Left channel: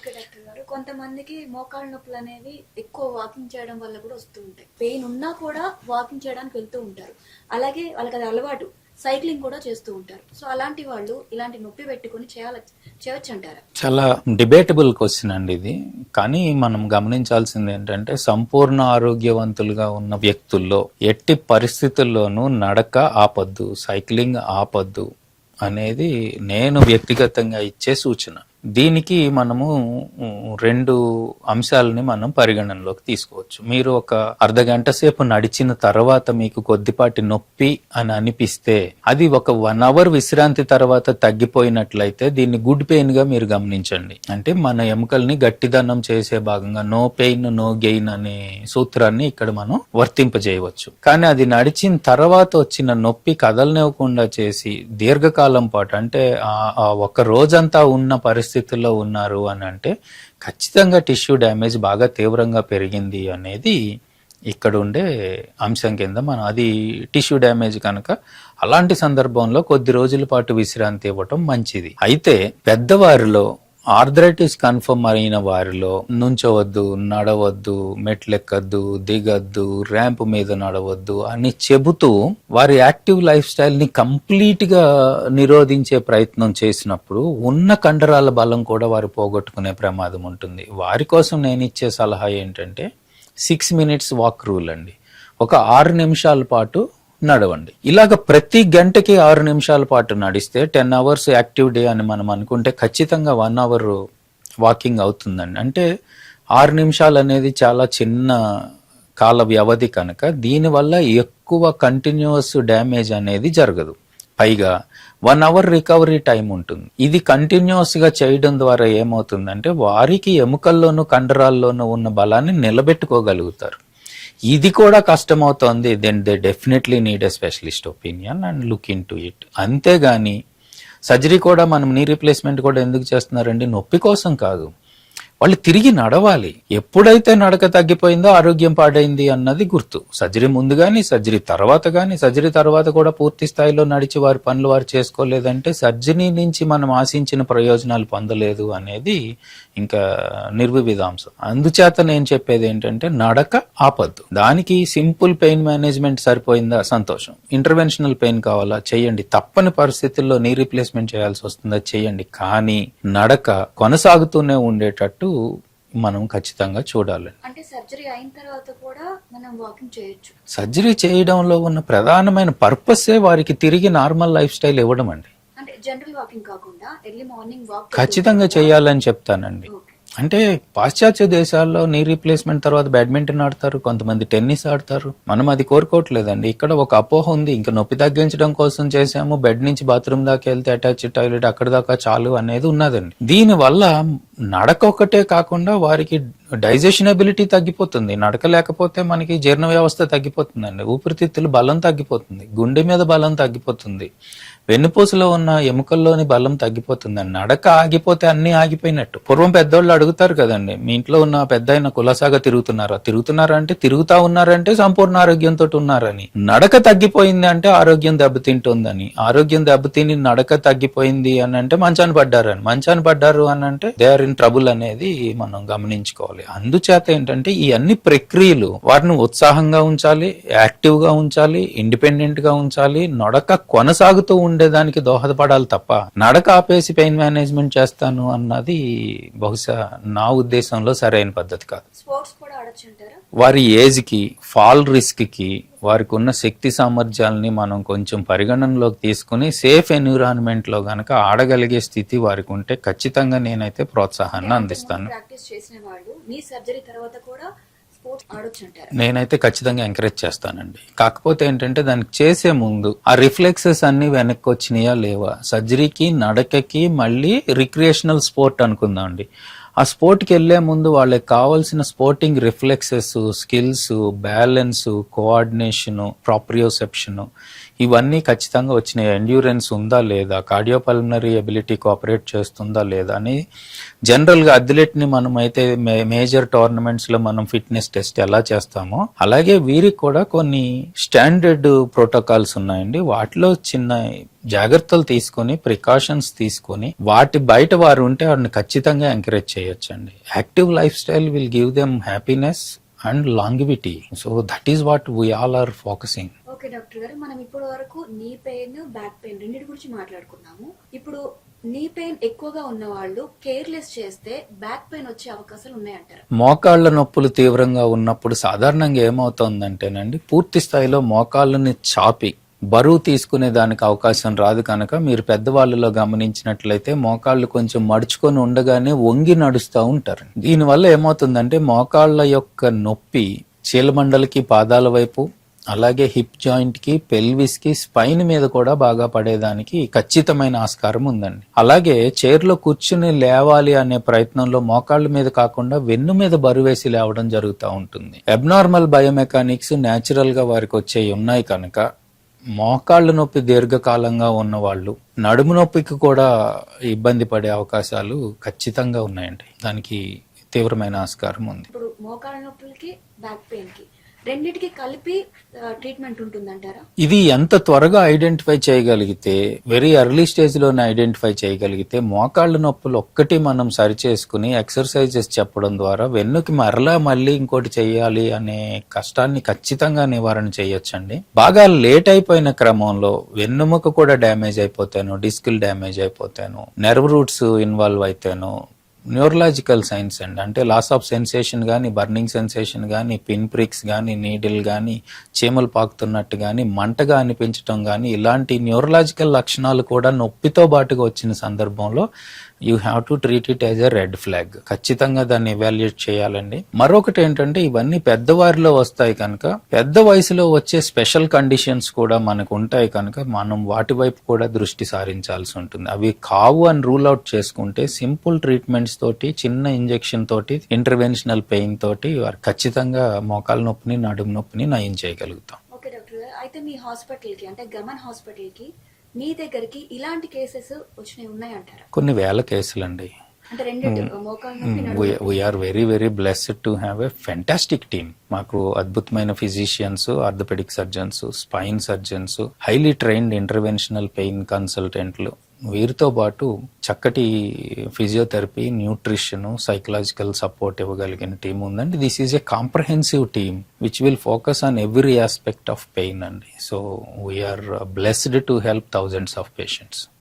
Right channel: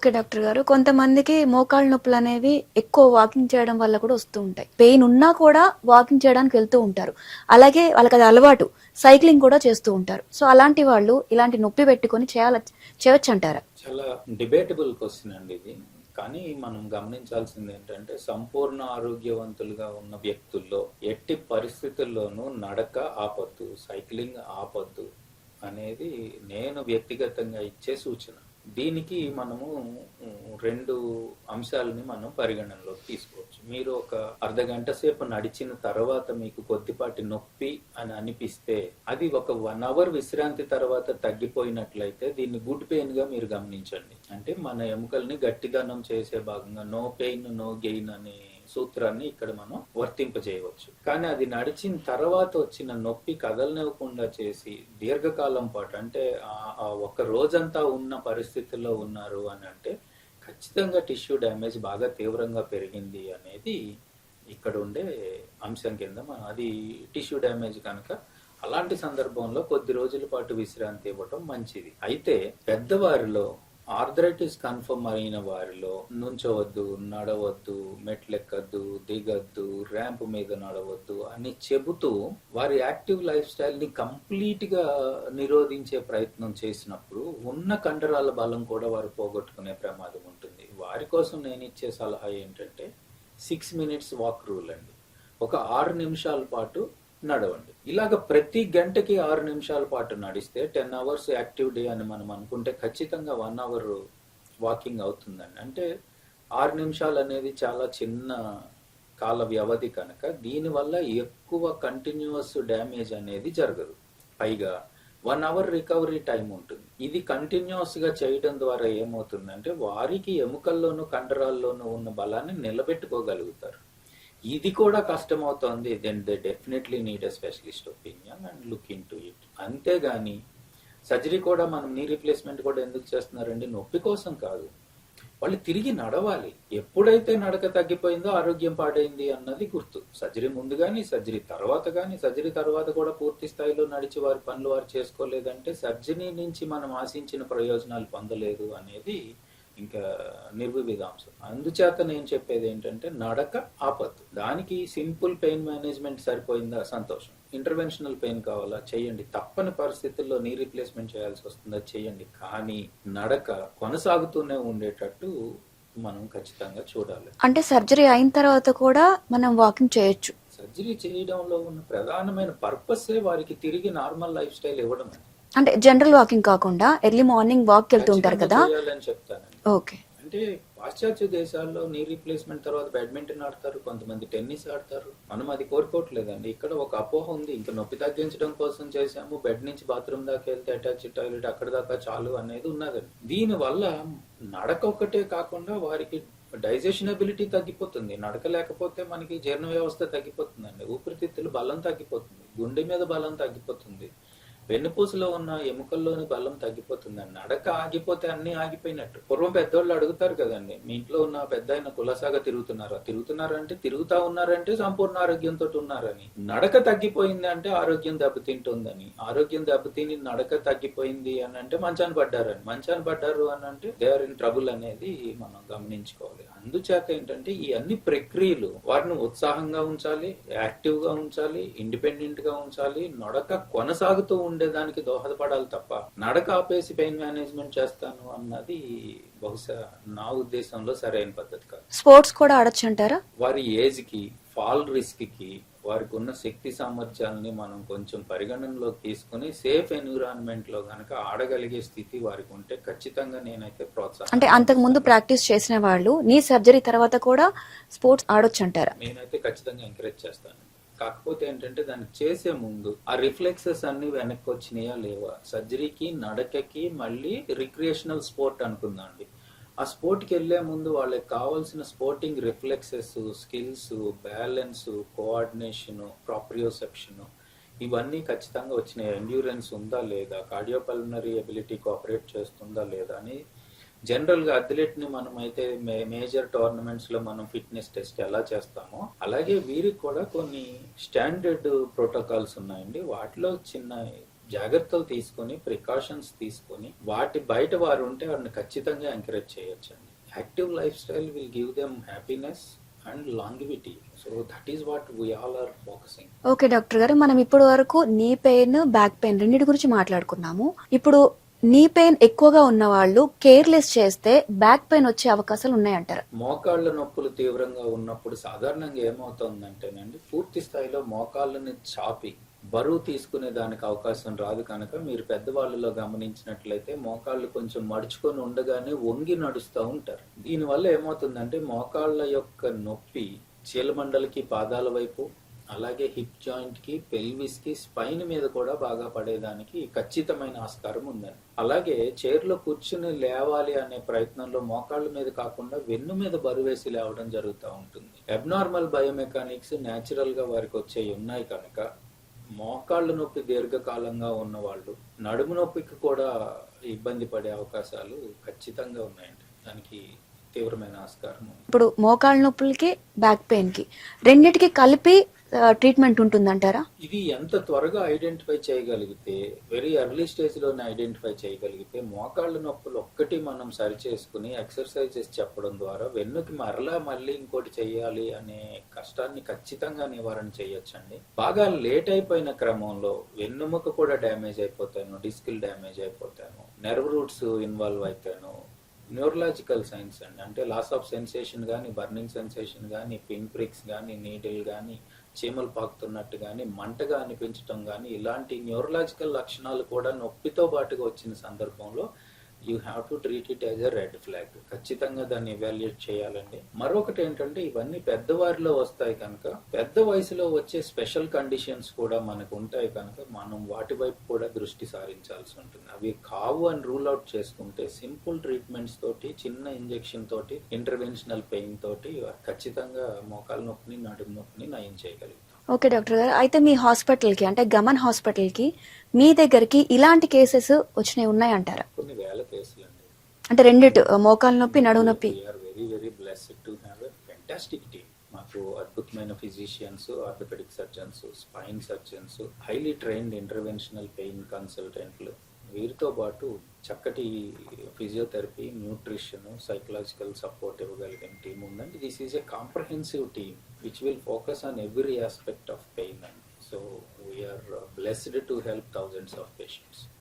Okay doctor గారు. కొంతమందికి మోకాళ్ళ నొప్పులనేవి ఎక్కువ వాకింగ్ చేయడం వల్ల కూడా వస్తూ ఉంటాయి. పెయిన్ ఉన్నా కూడా వాకింగ్ చేయడానికి వెళ్తూ ఉంటారు. అలాగే వాళ్ళకది అలవాటు. సైక్లింగ్ కూడా చేస్తూ ఉంటారు. సో, అలాంటి వాళ్ళు ఇలాంటి నొప్పి పెట్టుకొని చేయొచ్చంటారా? చాలా డిబేటబుల్ క్వశ్చన్ అండి ఇది. కానీ మనం గమనించాల్సింది ఏంటంటే సంపూర్ణ ఆరోగ్యవంతులుగా ఉన్న వ్యక్తుల్లో ఎట్టి పరిస్థితుల్లోనూ నడక ఆపొద్దు, సైక్లింగ్ ఆపొద్దు అనేది నేను వ్యక్తిగతంగా ఇచ్చే సూచన. దీనికి మనము 2 అంశాలని మనం పరిగణనలోకి తీసుకోవచ్చు. మీరు ఒక అర్ధగంట సేపు నడిచిన తర్వాత మీకు కొద్దిపాటి నొప్పి అని అనిపిస్తే అది ఒక 1 అవర్ విశ్రాంతి తర్వాత తగ్గిపోయినట్లయితే దీన్ని గుడ్ పెయిన్ గా మీరు గమనించండి. అంటే మన ఎముకల్ని గట్టిదనం చేసే భాగంగా నో పెయిన్ నో గెయిన్ అనే సూత్రాన్ని ఇక్కడ మనం వర్తింపజేయవచ్చు. కానీ అది నడిచిన తర్వాత వచ్చిన నొప్పి కదలనివ్వకుండా చేసి దీర్ఘకాలం పాటు అంటే ఆ ఒక రోజంతా ఉన్న పరిస్థితుల్లో ఉన్నారు అని అంటే ఖచ్చితంగా టిష్యూ డ్యామేజ్ బాగా తీవ్రంగా పెరిగింది అనేది ఇక్కడ ఉండే అంశం కింద మనం అది టిష్యూ డ్యామేజ్ కనుక అలాంటి సందర్భంలో కొద్ది రోజుల పాటు విశ్రాంతి ఇవ్వటం మంచిది. అయితే పెద్దవారిలో ఆర్థరైటిస్ కన్ఫర్మ్ అయిన వారిలో నుంచోవద్దు, నడవద్దు, మెట్లెక్కద్దు, దిగద్దు, ర్యాంప్ మీద నడవద్దు అని చెబుతూ వారి యాక్టివ్ లైఫ్ స్టైల్ ని కంప్లీట్ గా నిరోధించే ప్రయత్నం చేసినప్పుడు ఉన్న కండరాల బలం కూడా వారు పోగొట్టుకునే ప్రమాదం ఉంటుంది. వారి కోసం నేను ఇచ్చే సలహా ఏంటంటే 6 minutes వాక్ రూల్ అండి. ఒక 6 నిమిషాల పాటు నడవండి. ఇలాగ ప్రతి గంటకి 6 నిమిషాల పాటు నడిస్తే 10 hours యాక్టివ్ డే అని మనం అనుకుంటే ఖచ్చితంగా 1 hour వాకింగ్ అవుతుందండి. అంటే 6 నిమిషాలు అనేది చాలా చిన్న కాల వ్యవధి కనుక దీనివల్ల ఎక్కువ కంటిన్యూస్ డ్యామేజ్ అనేది జరగదు. పైగా 1 hour రికవరీ టైం ఉంటుంది. ఇది కంటిన్యూస్ గా చేయడం ద్వారా ఏమవుతుందంటే వారికి ఎముకల్లోనూ కండరాల్లోనూ ఉన్న బలాన్ని నిలబెట్టుకోగలుగుతారు. ఇది కూడా కష్టమవుతోంది. Then they definitely need a specialist opinion and look in to it. అంతేగాని సర్జరీ కూడా మనం నీ రీప్లేస్మెంట్ కూడా ఎందుకు చేస్తున్నారండి? నొప్పి కోసం కాదు, వాళ్ళు తిరిగి నడవాలి. ఎప్పుడైతే నడక తగ్గిపోయిందో ఆరోగ్యం పాడైంది అన్నది గుర్తు. సర్జరీ ముందు కానీ సర్జరీ తర్వాత కానీ సర్జరీ తర్వాత కూడా పూర్తి స్థాయిలో నడిచి వారి పనులు వారు చేసుకోలేదంటే సర్జరీ నుంచి మనం ఆశించిన ప్రయోజనాలు పొందలేదు అనేది ఇంకా నిర్వివాదాంశం. అందుచేత నేను చెప్పేది ఏంటంటే నడక ఆపద్దు. దానికి సింపుల్ పెయిన్ మేనేజ్మెంట్ సరిపోయిందా? సంతోషం. ఇంటర్వెన్షనల్ పెయిన్ కావాలా? చేయండి. తప్పని పరిస్థితుల్లో నీ రీప్లేస్మెంట్ చేయాల్సి వస్తుందా? చేయండి. కానీ నడక కొనసాగుతూనే ఉండేటట్టు మనం ఖచ్చితంగా చూడాలి. అంటే సర్జరీ అయిన తర్వాత కూడా మనం వాకింగ్ చేయొచ్చు. సర్జరీ చేయడంలో ఉన్న ప్రధానమైన పర్పసే వారికి తిరిగి నార్మల్ లైఫ్ స్టైల్ ఇవ్వడం అండి. అంటే జనరల్ వాకింగ్ కాకుండా ఎర్లీ మార్నింగ్ వాక్ ఖచ్చితంగా చేయాలని చెప్తానండి. అంటే పాశ్చాత్య దేశాల్లో నీ రీప్లేస్మెంట్ తర్వాత బ్యాడ్మింటన్ ఆడతారు, కొంతమంది టెన్నిస్ ఆడతారు. మనం అది కోరుకోవట్లేదండి. ఇక్కడ ఒక అపోహ ఉంది, ఇంకా నొప్పి తగ్గించడం కోసం చేసాము, బెడ్ నుంచి బాత్రూమ్ దాకా వెళ్తే అటాచ్ టాయిలెట్ అక్కడ దాకా చాలు అనేది ఉన్నదండి. దీని వల్ల నడక ఒకటే కాకుండా వారికి డైజెషన్ ఎబిలిటీ తగ్గిపోతుంది. నడక లేకపోతే మనకి జీర్ణ వ్యవస్థ తగ్గిపోతుందండి, ఊపిరితిత్తులు బలం తగ్గిపోతుంది, గుండె మీద బలం తగ్గిపోతుంది, వెన్నుపూసలో ఉన్న ఎముకల్లోని బలం తగ్గిపోతుందండి. నడక ఆగిపోతే అన్ని ఆగిపోయినట్టు. పూర్వం పెద్దోళ్ళు అడుగుతారు కదండి, మీ ఇంట్లో ఉన్న పెద్ద అయిన కులసాగా తిరుగుతున్నారా అంటే తిరుగుతా ఉన్నారంటే సంపూర్ణ ఆరోగ్యంతో ఉన్నారని. నడక తగ్గిపోయింది అంటే ఆరోగ్యం దెబ్బతింటుందని. ఆరోగ్యం దెబ్బతిని నడక తగ్గిపోయింది అని అంటే మంచాన్ని పడ్డారు అని అంటే దే ఆర్ ఇన్ ట్రబుల్ అనేది మనం గమనించుకోవాలి. అందుచేత ఏంటంటే ఈ అన్ని ప్రక్రియలు వారిని ఉత్సాహంగా ఉంచాలి, యాక్టివ్ గా ఉంచాలి, ఇండిపెండెంట్ గా ఉంచాలి, నడక కొనసాగుతూ ఉండేదానికి దోహదపడాలి తప్ప నడక ఆపేసి పెయిన్ మేనేజ్మెంట్ చేస్తాను అన్నది బహుశా నా ఉద్దేశంలో సరైన పద్ధతి కాదు. స్పోర్ట్స్ కూడా ఆడొచ్చు అంటారా? వారి ఏజ్ కి, ఫాల్ రిస్క్ కి, వారికి ఉన్న శక్తి సామర్థ్యాలని మనం కొంచెం పరిగణనలోకి తీసుకుని సేఫ్ ఎన్విరాన్మెంట్ లో గనక ఆడగలిగే స్థితి వారికి ఉంటే ఖచ్చితంగా నేనైతే ప్రోత్సాహం. అంటే అంతకు ముందు ప్రాక్టీస్ చేసిన వాళ్ళు నీ సర్జరీ తర్వాత కూడా స్పోర్ట్స్ ఆడొచ్చు అంటారా? నేనైతే ఖచ్చితంగా ఎంకరేజ్ చేస్తానండి. కాకపోతే ఏంటంటే దానికి చేసే ముందు ఆ రిఫ్లెక్సెస్ అన్ని వెనక్కి వచ్చినాయా లేవా, సర్జరీకి నడకకి మళ్ళీ రిక్రియేషనల్ స్పోర్ట్ అనుకుందాం అండి, ఆ స్పోర్ట్కి వెళ్లే ముందు వాళ్ళకి కావాల్సిన sporting reflexes, skills, balance, coordination, proprioception ఇవన్నీ ఖచ్చితంగా వచ్చినాయి. ఎండ్యూరెన్స్ ఉందా లేదా, కార్డియోపల్మనరీ ఎబిలిటీ కోఆపరేట్ చేస్తుందా లేదా అని జనరల్గా అథ్లెట్ని మనం అయితే మేజర్ టోర్నమెంట్స్లో మనం ఫిట్నెస్ టెస్ట్ ఎలా చేస్తామో అలాగే వీరికి కూడా కొన్ని స్టాండర్డ్ ప్రోటోకాల్స్ ఉన్నాయండి. వాటిలో చిన్న జాగ్రత్తలు తీసుకొని ప్రికాషన్స్ తీసుకొని వాటి బయట వారు ఉంటే వారిని ఖచ్చితంగా ఎంకరేజ్ చేయొచ్చండి. Active life style will give them happiness and longevity. So that is what we all are focusing. Okay doctor గారు, మనం ఇప్పటి వరకు నీ పెయిన్, బ్యాక్ పెయిన్ రెండింటి గురించి మాట్లాడుకున్నాము. ఇప్పుడు నీ పెయిన్ ఎక్కువగా ఉన్న వాళ్ళు కేర్లెస్ చేస్తే బ్యాక్ పెయిన్ వచ్చే అవకాశాలు ఉన్నాయంటారు. మోకాళ్ళ నొప్పులు తీవ్రంగా ఉన్నప్పుడు సాధారణంగా ఏమవుతుందంటేనండి, పూర్తి స్థాయిలో మోకాళ్ళని చాపి బరువు తీసుకునే దానికి అవకాశం రాదు కనుక మీరు పెద్దవాళ్ళలో గమనించినట్లయితే మోకాళ్ళు కొంచెం మడుచుకొని ఉండగానే వంగి నడుస్తూ ఉంటారు. దీనివల్ల ఏమవుతుందంటే మోకాళ్ళ యొక్క నొప్పి చీలమండలికి, పాదాల వైపు, అలాగే హిప్ జాయింట్ కి, పెల్విస్ కి, స్పైన్ మీద కూడా బాగా పడేదానికి ఖచ్చితమైన ఆస్కారం ఉందండి. అలాగే చైర్లో కూర్చుని లేవాలి అనే ప్రయత్నంలో మోకాళ్ళ మీద కాకుండా వెన్ను మీద బరువేసి లేవడం జరుగుతూ ఉంటుంది. అబ్నార్మల్ బయోమెకానిక్స్ న్యాచురల్ గా వారికి వచ్చేవి ఉన్నాయి కనుక మోకాళ్ళ నొప్పి దీర్ఘకాలంగా ఉన్న వాళ్ళు నడుము నొప్పికి కూడా ఇబ్బంది పడే అవకాశాలు ఖచ్చితంగా ఉన్నాయండి. దానికి తీవ్రమైన ఆస్కారం ఉంది. ఇప్పుడు మోకాళ్ళ నొప్పులకి, బ్యాక్ పెయిన్ కి రెండిటికి కలిపి ట్రీట్మెంట్ ఉంటుందంటారా? ఇది ఎంత త్వరగా ఐడెంటిఫై చేయగలిగితే, వెరీ ఎర్లీ స్టేజ్ లోనే ఐడెంటిఫై చేయగలిగితే మోకాళ్ళ నొప్పులు ఒక్కటి మనం సరి చేసుకుని ఎక్సర్సైజెస్ చెప్పడం ద్వారా వెన్నుకి మళ్ళీ ఇంకోటి చేయాలి అనే కష్టాన్ని ఖచ్చితంగా నివారణ చేయొచ్చండి. బాగా లేట్ అయిపోయిన క్రమంలో వెన్నుముక కూడా డ్యామేజ్ అయిపోతాను, డిస్కులు డ్యామేజ్ అయిపోతాను, నెర్వ్ రూట్స్ ఇన్వాల్వ్ అయితేనో, న్యూరలాజికల్ సైన్స్ అండి, అంటే లాస్ ఆఫ్ సెన్సేషన్ కానీ, బర్నింగ్ సెన్సేషన్ కానీ, పిన్ ప్రిక్స్ కానీ, నీడిల్ కానీ, చీమలు పాకుతున్నట్టు కానీ, మంటగా అనిపించడం కానీ, ఇలాంటి న్యూరలాజికల్ లక్షణాలు కూడా నొప్పితో బాటుగా వచ్చిన సందర్భంలో you have to treat it as a red flag. ఖచ్చితంగా దాన్ని ఎవాల్యుయేట్ చేయాలండి. మరొకటి ఏంటంటే ఇవన్నీ పెద్దవారిలో వస్తాయి కనుక పెద్ద వయసులో వచ్చే స్పెషల్ కండిషన్స్ కూడా మనకు ఉంటాయి కనుక మనం వాటి వైపు కూడా దృష్టి సారించాల్సి ఉంటుంది. అవి కావు అని రూల్ అవుట్ చేసుకుంటే సింపుల్ ట్రీట్మెంట్స్ తోటి, చిన్న ఇంజెక్షన్ తోటి, ఇంటర్వెన్షనల్ పెయిన్ తోటి ఖచ్చితంగా మోకాల నొప్పిని, నడుము నొప్పిని నయం చేయగలుగుతాం. ఓకే డాక్టర్ గారు, అయితే మీ హాస్పిటల్కి అంటే గమన్ హాస్పిటల్కి మీ దగ్గరికి ఇలాంటి కేసెస్ వచ్చినాయి ఉన్నాయంటారా? కొన్ని వేల కేసులండి. అంటే రెండిటి మోకాల నొప్పి, నడుము నొప్పి. We are very very blessed to have a fantastic team. మాకు అద్భుతమైన physicians, orthopaedic surgeons, spine surgeons, highly trained interventional pain కన్సల్టెంట్లు, వీరితో పాటు చక్కటి ఫిజియోథెరపీ, న్యూట్రిషన్, సైకలాజికల్ సపోర్ట్ ఇవ్వగలిగిన టీం ఉందండి. This is a comprehensive team which will focus on every aspect of pain అండి. So we are blessed to help thousands of patients.